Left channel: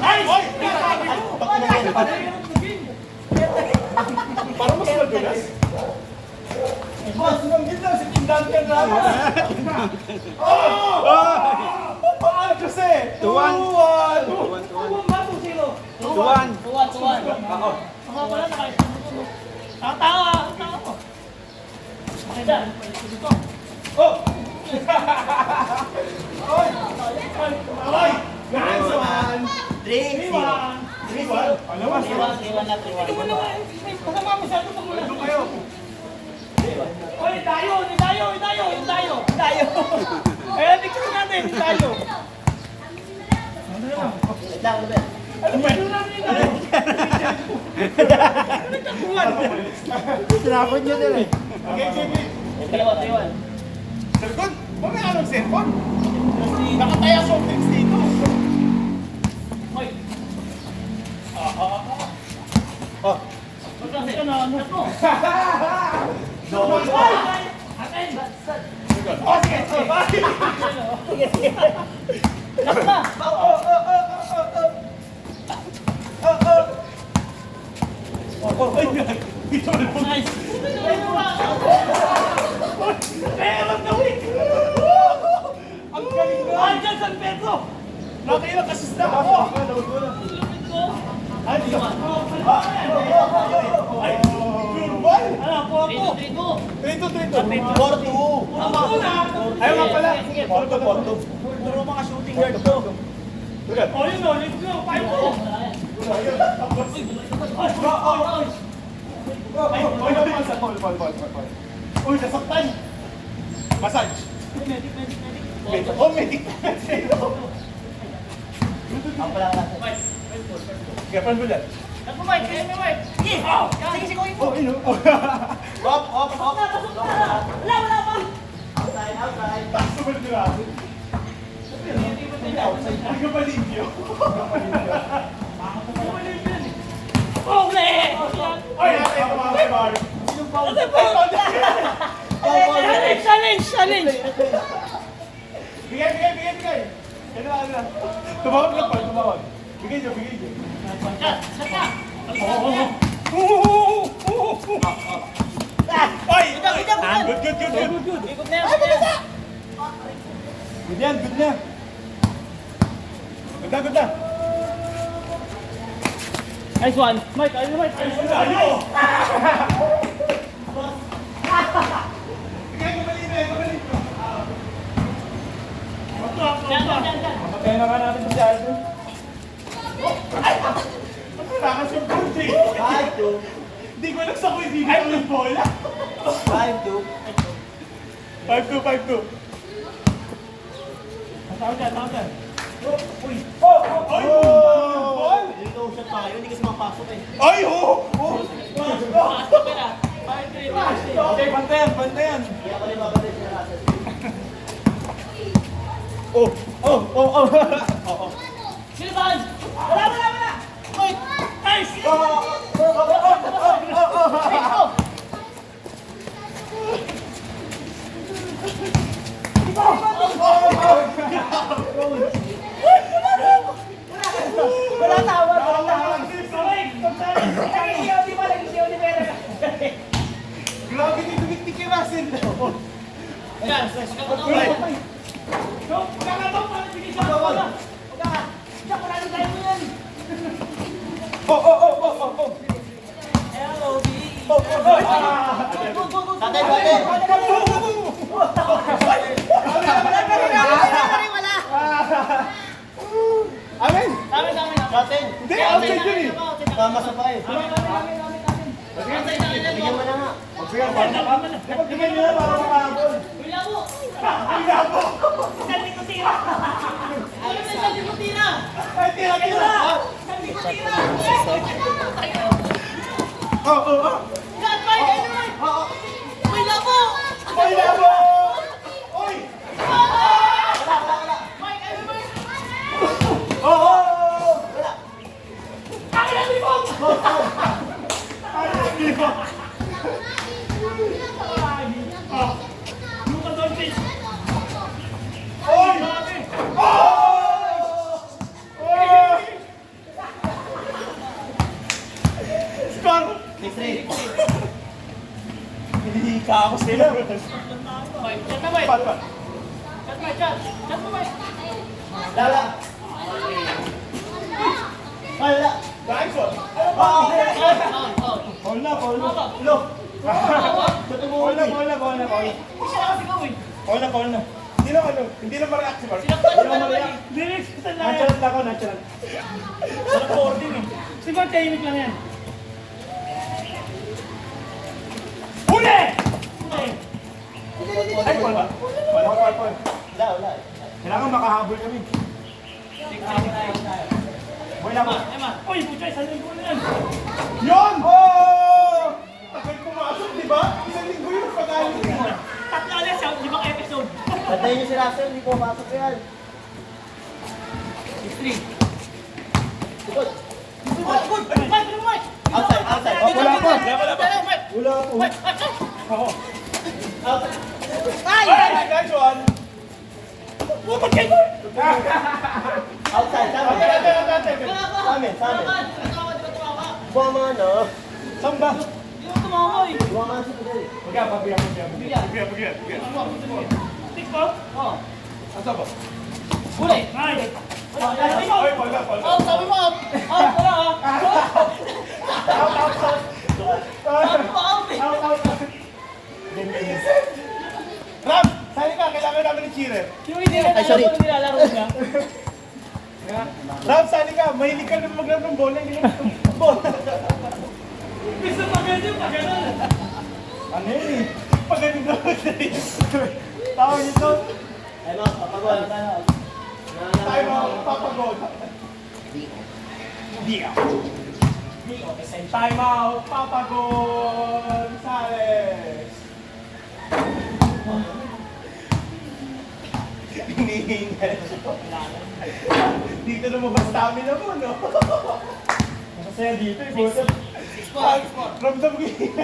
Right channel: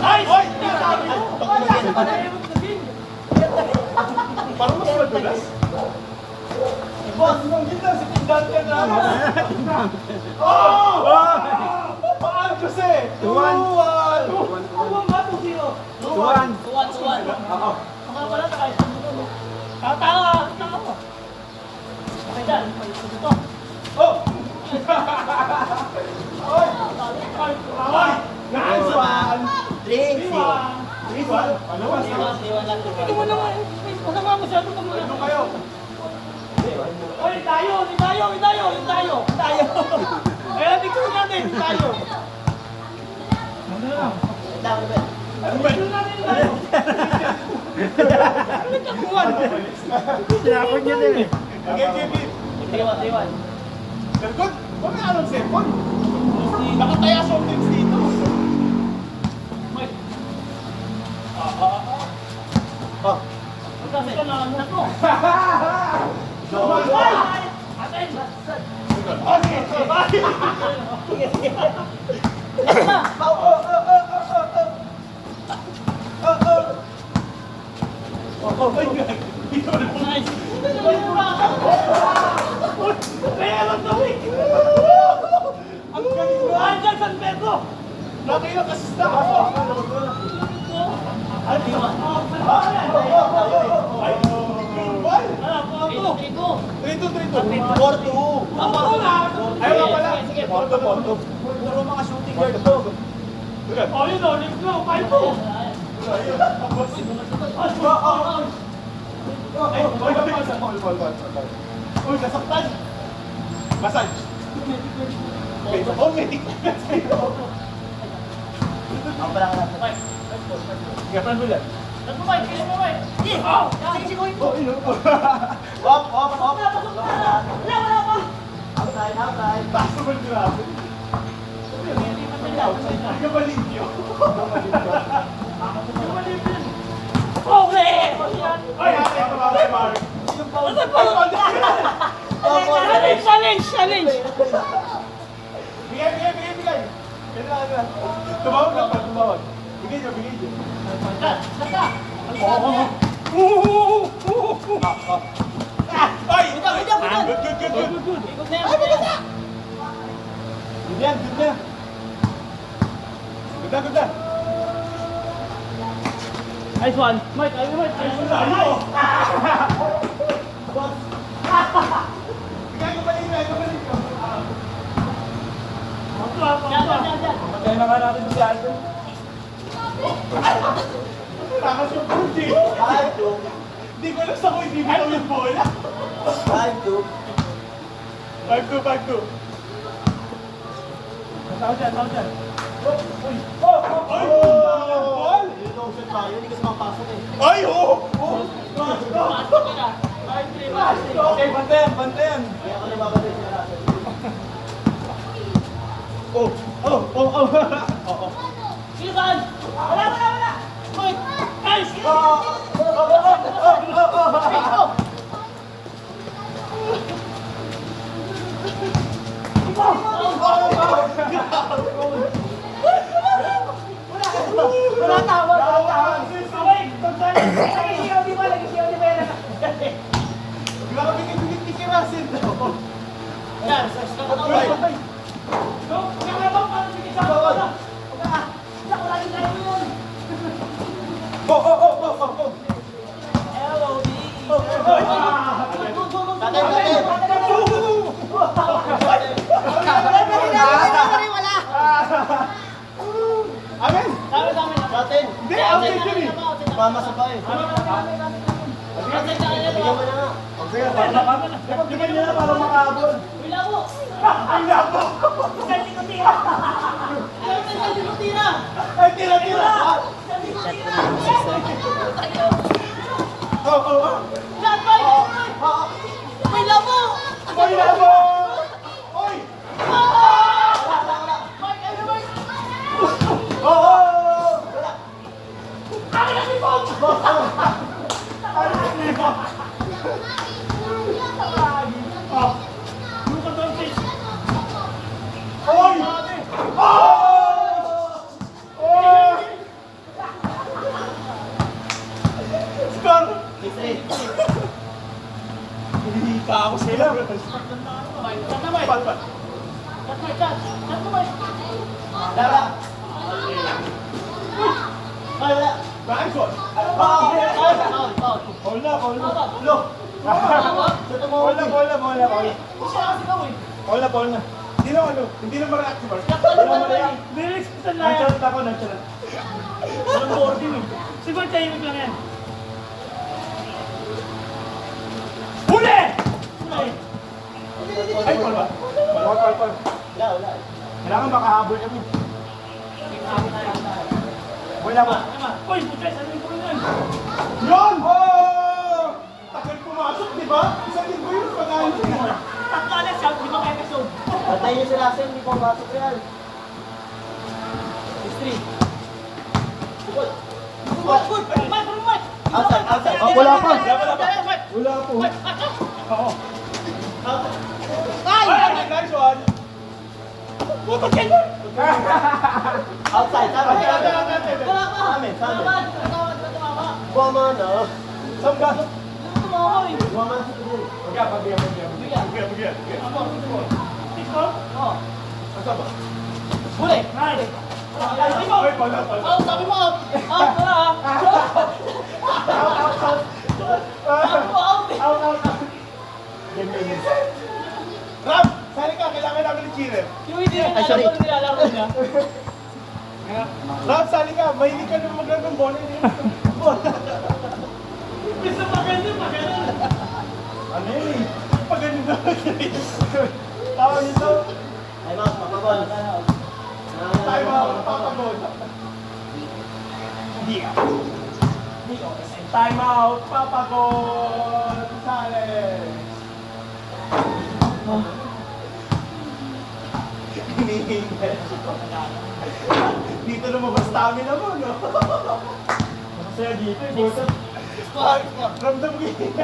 Ay! Oy! Parang mas madulas. Boss, nung ganda, si Tindan ka nga. Oh! Paano kasi? 2-1. 2-1. Tao. Okay dyan. Oh! Oy! Oy! Nice one! 3-1. Ano mas? 3-1 lang. Hindi mo naman. Masama masyado pag mula. Doon kayo. Oy, tayo! Ayan, ikaw natin, tayo. Ano lang? Ano ba? Ano nagkakuhan? Sinapon niya din eh. Okay, JB. 3-1. Dalgod, huwag na anong cellphone. Nakataya sa office dito. Hoy. Oh. Kasi ka na, ano to? Atin! Oh, sige. Last na. Nice. Ang galing mo! Andyan, San Pedro. Nakailang kasista ako! Ay, di ba? Ay, Jurban! Ano, 3-2. Ay, nga pala! Sige, Porto. Puro mga shooting guard to. Oh, yun o, let's go! 5-2! Uy, nasaktan! Massage! Oh, medic! Ako pala ka na. Gapan mo dyan. Oh, ino! Hop. Taas naman grabe! Hindi ka maligyo! Ay, ate, tumawag Mark! Challenge! Bigay! Kailangan. Tumawag lang pa, tumawag. Bigay nyo. Ay! Good. Ay, maganda! Good yan. Ganda. Nice one. Mike, ayun. Ayo! Bigay ko balina. Diyan. Matay na nga natin si Aldo. Takas yung pundi. 5-2. Hindi ko alam sa ko ibibitaw yung bola. 5-2. 5-2. Tao dyan. Uy! Ay! Ball! Dito usap tayo, hindi kasi makapasok eh. Ay! Okay, bantayan. Kaya ka rin mabalik si Russell. Silvan! Wala! Mike! Nice! Wala tawag. Grabe na yung ni Kirasin. Ayan, Amen! Natin. Hindi, outside yun eh. Pamasa pa eh. Bigyan mo na nga. Bigyan nyo na para makahabol. Ay, labo! Ay, tira! Ay, labo! Oy! Oy! Hinihika ako sila. Shot na, Mike. Pat, pat. Shot, Mike. Shot. Shot mo, Mike. Lala. Wala. Nice one. Ano ba? Foul, foul. Call na, call na. Look. Shoot mo. Call na, call na, call na, call na. Hindi siya nakasigaw eh. Call na, call na. Hindi na ano, hindi na ma-react si Mark. Sinaktan Hindi na na ba ma-react. Lyrics ko sa lahat. Nag-chant ako, nag-chant. Walang boarding eh. Siguro tahimik lang yan. Huli! Huli. Ay, call ba? Call. Wala. Kailangan makahabol kami. Boy na ba? Uy, puchay, saan yung boy yan? Yun! Oh! Tagal pumasok, di ba? Isang linggo yun, pag-ayon yun. Pagkalas siya, 5 episode. Patayin niyo si Russell, hindi po masok yan. History. Good. Good. Mike, good, Mike. Outside. Oh, wala pa. Wala pa. Mike, Wala po. Mike, action. Oo. Ay! Ay, nice one! Putang kayo! Outside. Wala ka! Sa amin. Wala ka! Boma na. Saan ka? Tumawa eh. Boma si Pagay. Pagyan. Bigyan. Six ball? Oo. Asa ba? Huli. Ay! Ay, pala. Out, sabi mo out! Out, wala ah! Sabi mo out eh! Ganyan. Ram! Sali ka, kailangan namin ni Cheerer. Yung hindi na alam sorry. kung nilalaro niya. Ram, sali ka. Mahilig ka nung maglaro ng bola. Hindi ka bola. Gusto pa ganyan pa ganun. Ano yun eh? Pag ganun na tawag nito. Time out, papagol. Tayo mga papagod. Hindi ka. Time out, papagod. Sales. Hinihingay. Dito lumabas stamina mo, no? Masasaya dito eh. Buset. Ramdam ko yung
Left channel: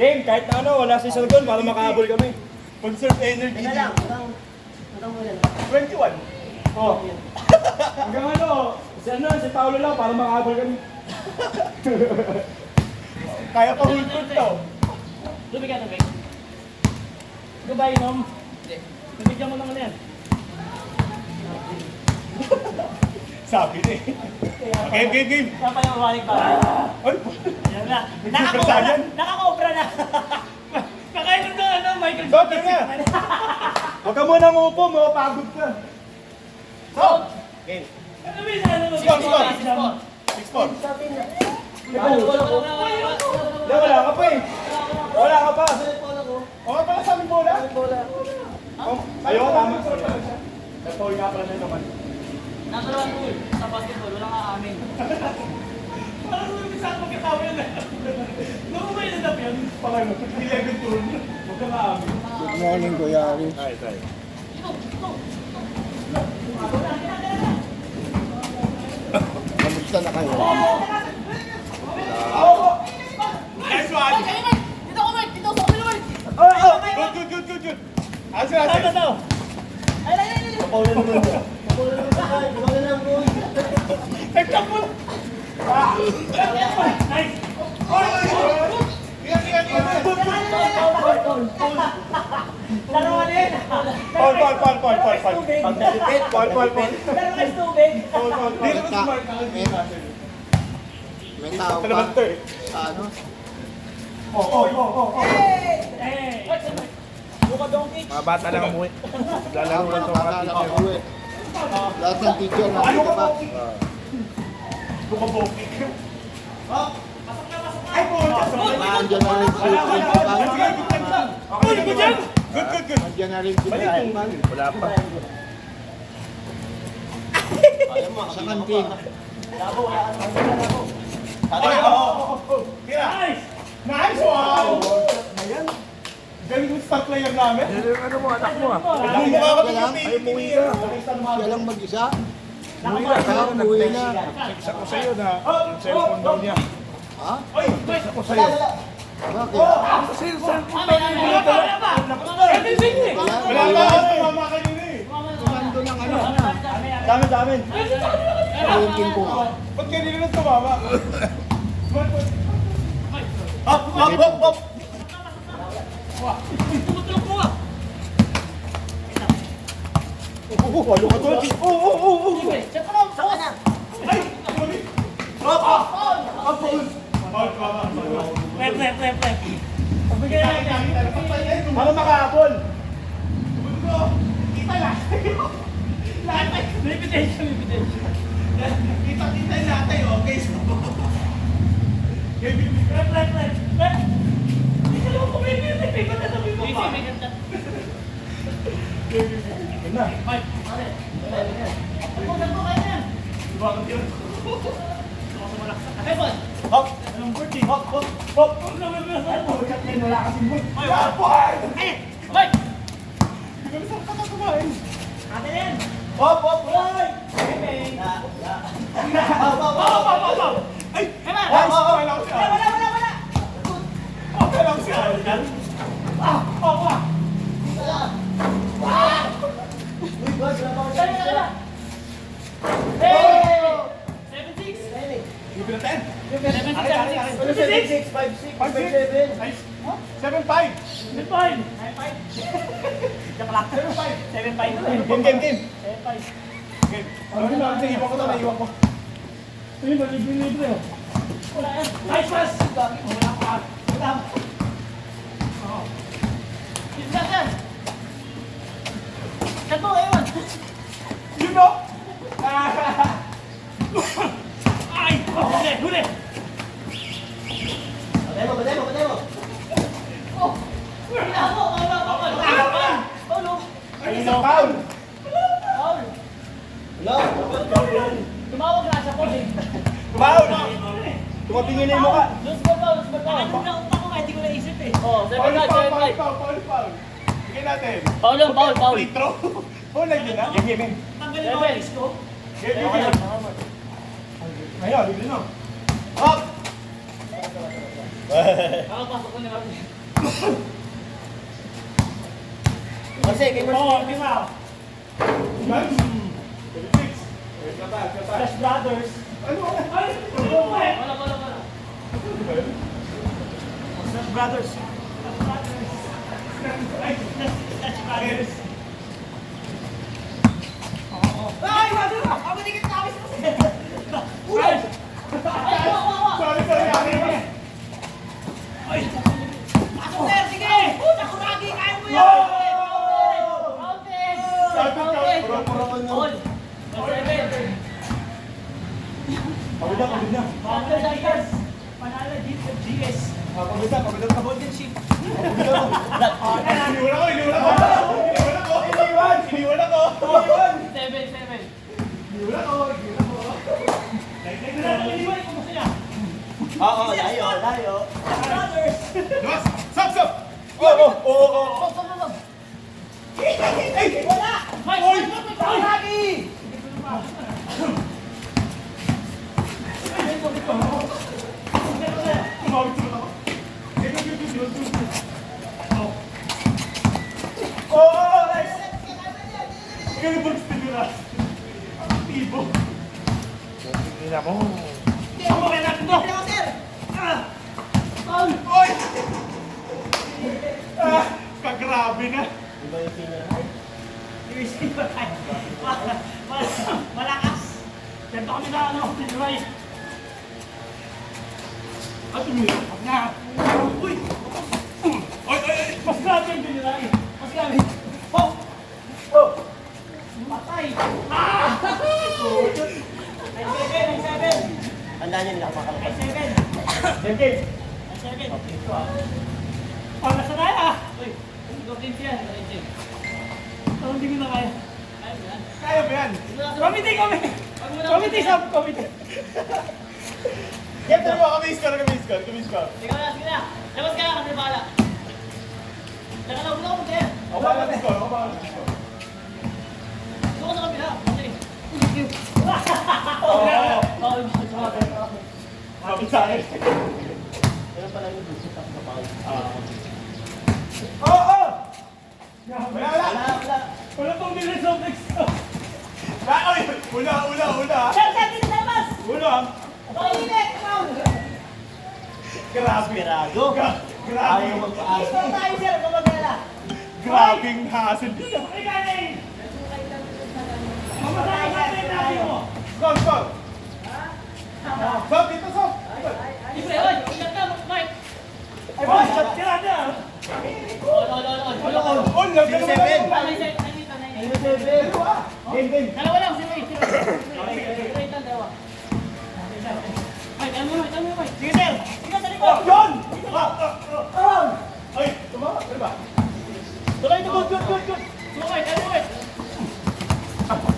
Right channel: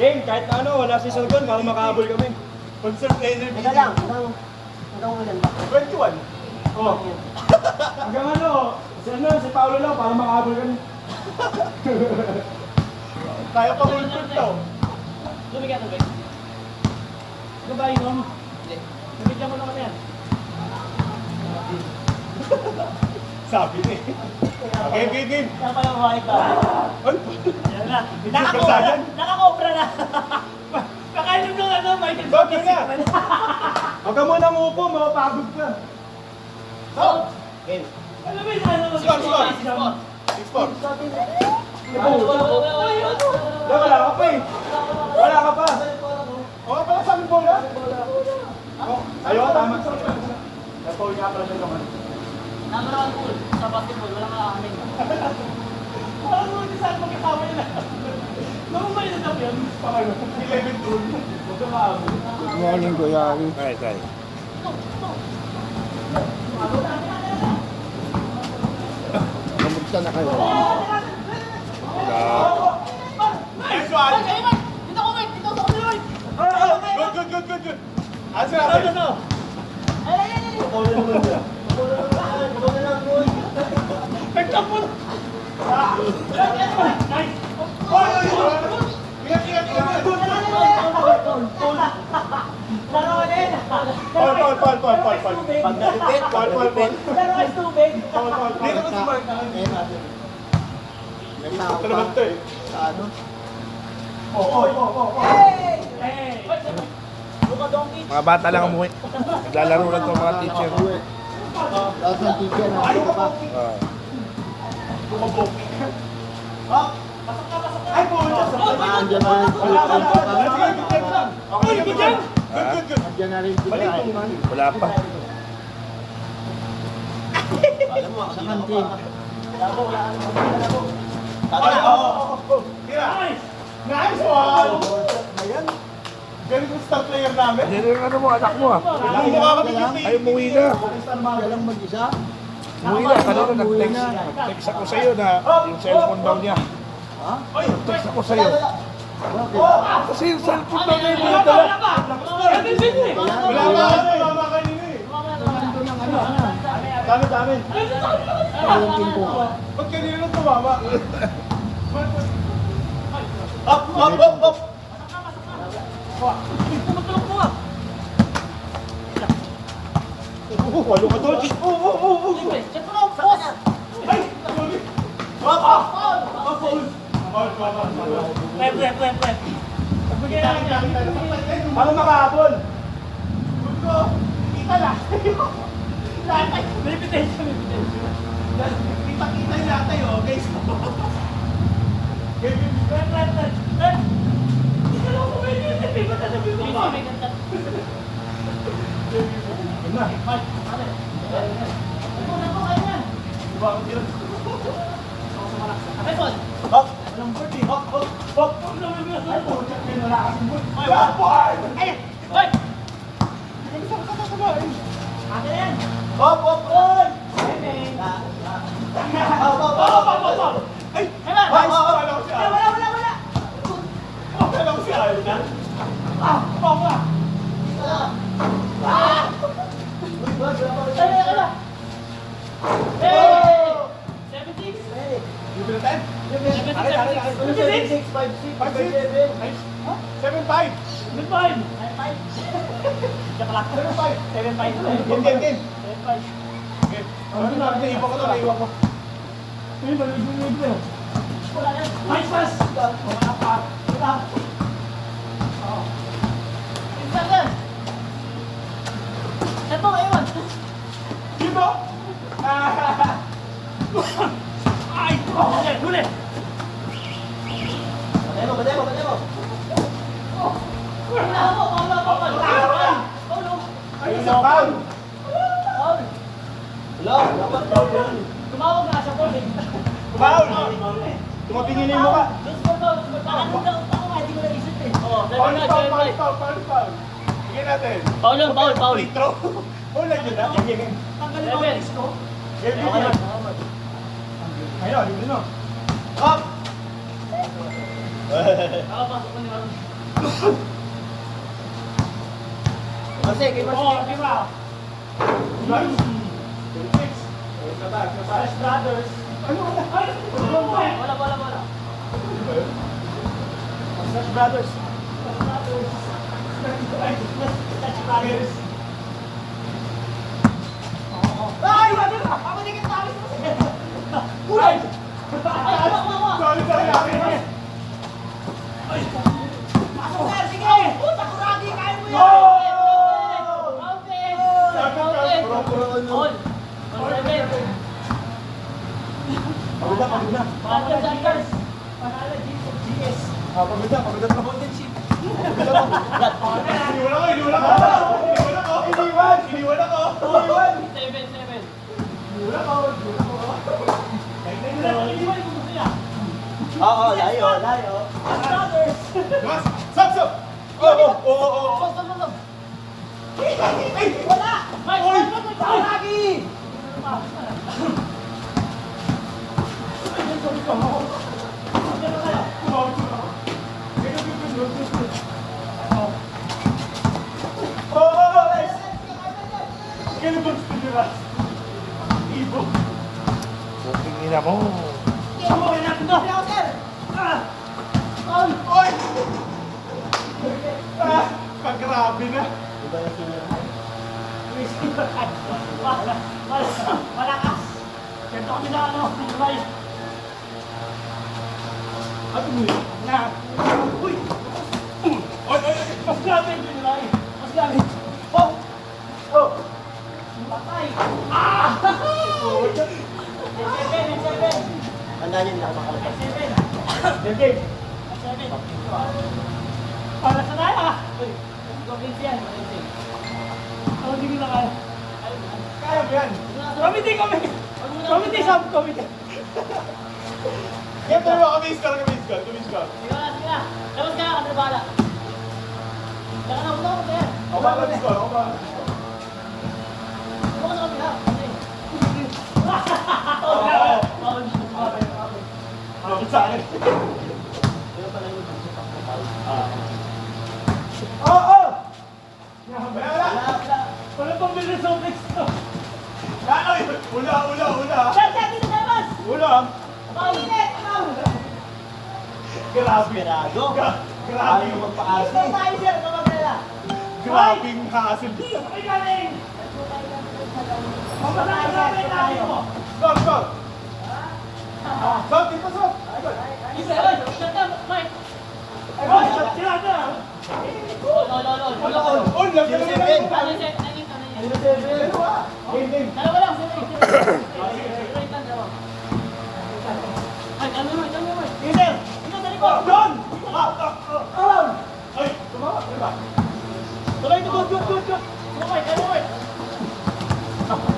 Game, kahit na ano, wala si Sodol para makahabol kami. conserve energy. Teka lang. Hanggang ngayon. 21. Oh. Hanggang ano, si Paolo lang para makahabol kami. Kaya pa hulpot to. Lumig ka, lumig. Goodbye, Nom. Nabigyan mo naman yan. Sabi na eh. Game. Saan pa lang umanik ba? Ay, Yan na. Super Saiyan. Nakakobra na. Nakainom na ano, Michael Bakit na? Huwag ka muna umupo, mapapagod ka. Out! Game. Ano ba yun? Ano ba yun? Score. 6-4. Wala ka pa eh. Wala ka pa. Oo, pala sa aming bola. Oh, ayaw, tama. Nag-foul nga pala siya doon. Nakaraan pool. Sa basketball, walang aamin. Parang nung isa ako magkakawin na. Nung umay na dap yun. Paano? 11 turn. Huwag ka maamin. Good morning, Kuya Ari. Kamusta na kayo? Next one. Dito ko, Mike! Dito sa kabila, Mike! Good. Asa na? Ito. Ay! Paulo naman yun. Paulo na lang doon. Nagkapul. Nice! Dalawa din! Paul. Pag nalipit, Dalawa is tubig! Dito ko si Mark. May tao Ito pa naman to eh. sa ano? Hey! Luka Doncic. Mga bata lang umuwi. Naglalaro lang ito mga Wala teacher. nakauwi. Lahat ng teacher nandito pa. Bumaboki. Ay, pumunta sa Nandiyan na rin si principal. Good. Nandiyan na rin si principal. Wala pa. Sa kantin. Ay, Kira. Nice one. Ayan. Galing yung star player namin. Yan yung ano mo, anak mo ah. Ang mukha kami Kailangan. Ay, umuwi na. Siya lang mag-isa. Umuwi na. Ah, umuwi na. Text ako sa'yo na yung cellphone daw niya. Ha? Text ako sa'yo. Bakit? Kasi yung cellphone Wala pa! Ito yung sing eh! Wala. Wala Wala. ka mama kanina eh. Nandun ang ano. Sa amin. Palinkin ko. Ba't kanina nang tumama? Hop, hop, hop, hop. Tumutulog mo ah. Walo ka doon. Sige, check mo na ang post. Rep. Pagbigay natin. Para makahabol. Kita na. Reputation. Kita natin, okay? Rep. Hindi ka naman kumili. Hindi ko tatabi mo pa. Yun na. Mike, pare. Ano kayo yan? Okay, boss. Hop. Anong bird eh? Hop, hop, hop. Ay, pucat ngayon, wala kasing bird. Ay, Mike. Ate na yan. Hop, hop, hop. Ay, Emma. Wala ko si Al. Wala. Wala ko si Al. Wala. Hey! 76. Libre na tayo. 76. 7-5. Goodbye. 9-5. Joke lang. 7-5. Game. 7-5. Okay. Ano na, naiwan ko to, naiwan ko. Ayun ba, libre oh. Wala yan. Nice pass. Wala pa. Wala. Pinsan yan. Ito, Ewan. Yun o. Ay! Huli! Batemo. Oh! Wala. Ayun na, foul. Foul. Hello, dapat foul yun. Tumawag na siya po. Foul. Tumatingin na yung mukha. Lose ball daw. Hindi ko naisip eh. Oh, Foul, 7-5. foul. Sige natin. Foul. Free throw. Foul lang yun, ha? Game. Tanggalin mo ang disco. Game. Ayun, libre na. Hop. Nakapasok ko ni Marami. Oh, kisa. 26. Fresh Brothers. Wala. Fresh Brothers. Ay, wala na. Ako din kita tapis mo. Ulay. Ay, wala. Sorry. Pasok, sir. Sige. Puta, kuragi. Kaya mo yan. All. 7. Pagod na. Panalo Tigers. Panalo GS. Pagod na. Iniwan ako. 7. Oo, layo. Brothers. Stop. Oh. Stop. Wala. Mike, kuragi. Nice. Ganun ba gusto nyo ba? Ibo. Tingin mo. Oy! Kagrabe na. Iba yung senior high. Malakas. Ganito kami na July. At umiyak na. Uy! Oy! Mas grabe yung July. Mas grabe. Patay. Seven. Tandaan nyo, hindi ako nakalagay. 7. Game. 7. Para sa tayo ah. Uy, goblins yan. Hindi ko na kaya. Kaya ba yan? Committee. Kaya tayo ba kami score. Sige na. Labas ka, ano bala. Tsaka na, ulo ko kaya. Ako ba score? Bukas sa kapila. Bakit sa akin? Ayun pala yung gusto pa sa foul. Wala. Wala pang bilis sa next. Ay! Ula. Sir, dito labas. Ula. Pakilit. Grabe. Esperado. Grabe. Ayaw magpaasa. Tayo sir, kumagala. Grabing hassle. Ay, galing. Mamarahin natin tayo. Stop, stop. Stop, dito, stop. Isa, ilan ka, Mike? Ay, boss, sila na. Ol. On, Zero seven. Dalawa lang, sila. Straight lang, dalawa. Ay, ano naman? Sige, sir. Ito sa likod. John! Ay, tumawa. Ano ba? Tuloy, good. Sumay.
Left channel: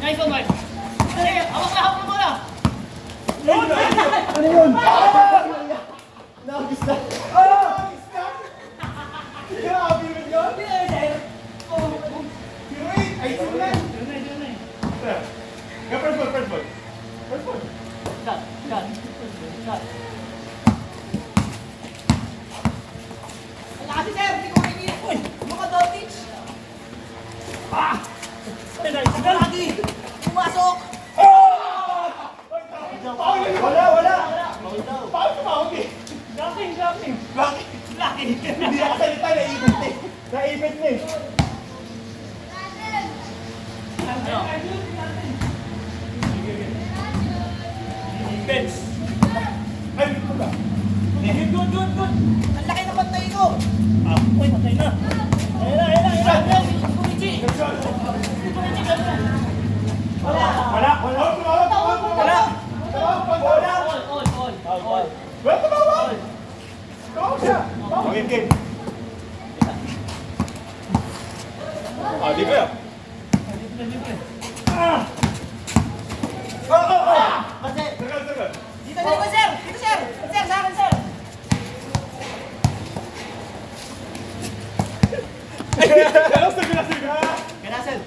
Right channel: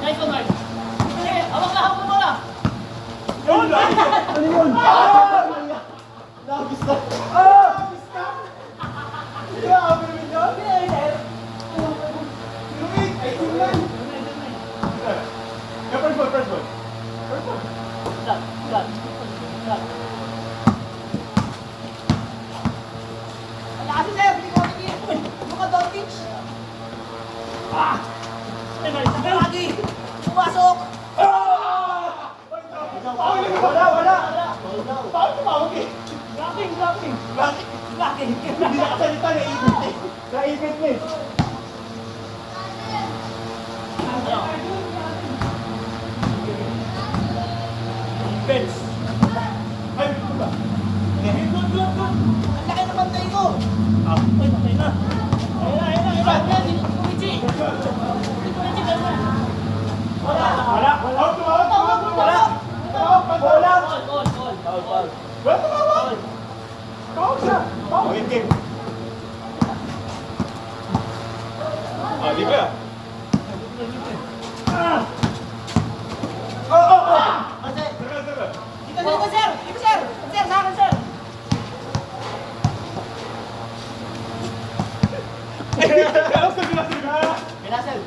Nice one, Mike. Sige, hawak mo na. John! Ano yun? Nakagis na. Grabe yun yun. Kinuin. Ay, simulan. First ball. Shot. Wala kasi sir, hindi ko makikita. Uy, Luka Doncic. Saka lagi. Pumasok. Wala. Paano tumawag eh? Blocking. Hindi nakasalita, naipit eh. Naipit na eh. Defense. Ay, dito ba? Good. Ang laki ng bantay ko. Uy, patay na. Ayun, si Pumichi. Wala. All. Wala tumawag. Tawag siya. Okay, game. Di ba? Kasi, Sige. dito sir. Sir, sa akin sir. Kala ko sabi na Pinasel.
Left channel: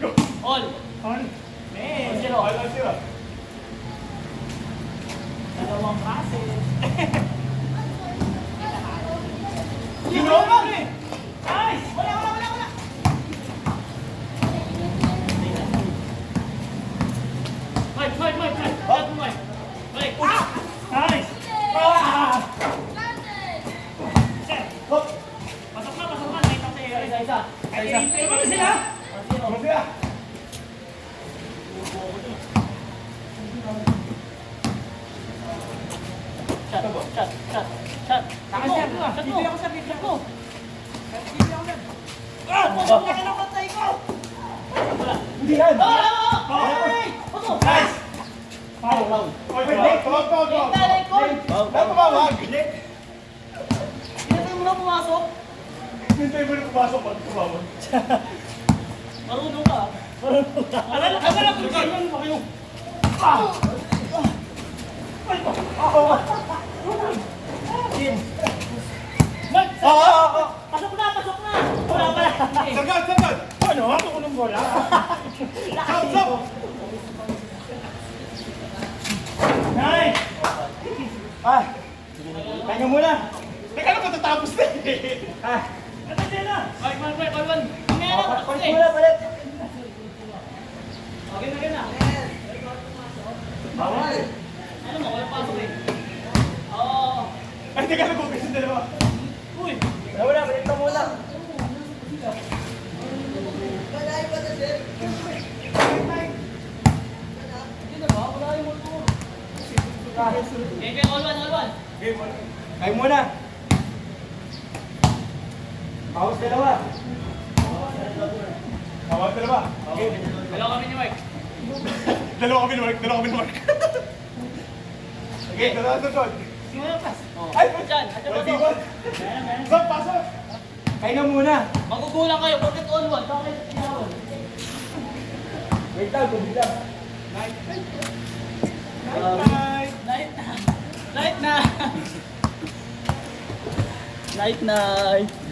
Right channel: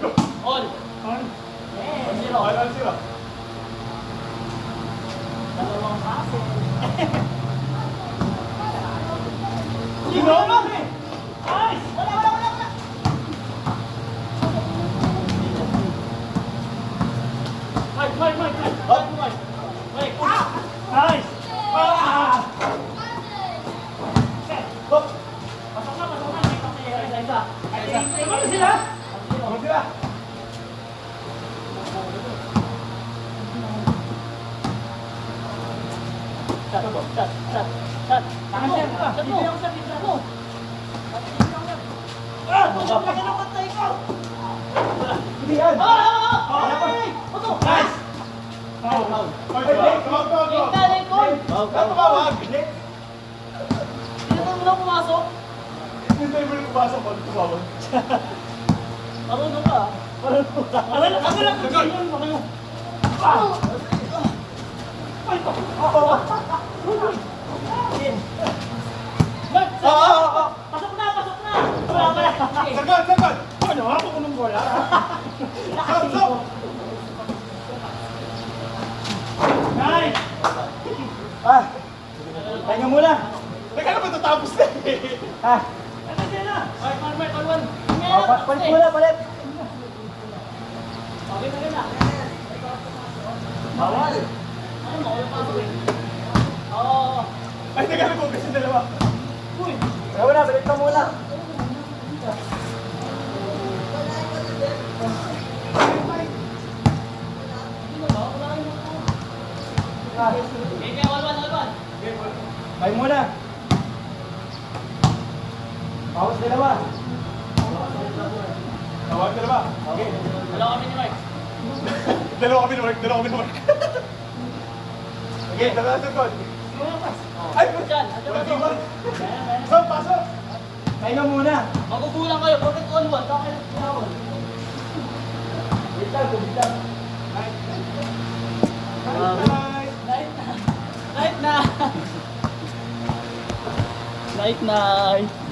ko. All. Zero. Wala sila. Dalawang base. Sino naman eh? Nice! Wala. Mike. Nice! Pasok na. Isa. Ano sila? Ano sila? Shot. Bibili ako sa pizza ko. Pasok na ng patay ko. Hindi yan. Nice! Tawag. Ikaw, Tumawag. Hindi mo na pumasok. Hintay mo yung pumasok pag tumawag. Marunong ka. Ako lang kung sino mo kayo. Pasok na. Wala ka. Sagad. Ano? Ako ko ng bola. Stop. Nice! Tayo muna. Teka na, matatapos na eh. Ito sila. Mike, all one. Palit muna, palit. Okay na. Awal. Ano mo, yung paso eh. Oo. Ay, teka na, bukas yung dalawa. Uy! Wala, palit ka muna. All one. Tayo muna. Bawas dalawa. Tawag dalawa. Okay. Dalawa kami ni Mike. Dalawa kami na Mark. Okay, dalawa sa God. Simula pas. Ay, Diyan, at Wala, saka Stop, pasok. Tayo muna. magugulang kayo. Pag ito all one, saka kayo tinawag. Wait lang, tubig lang. Night na. Night.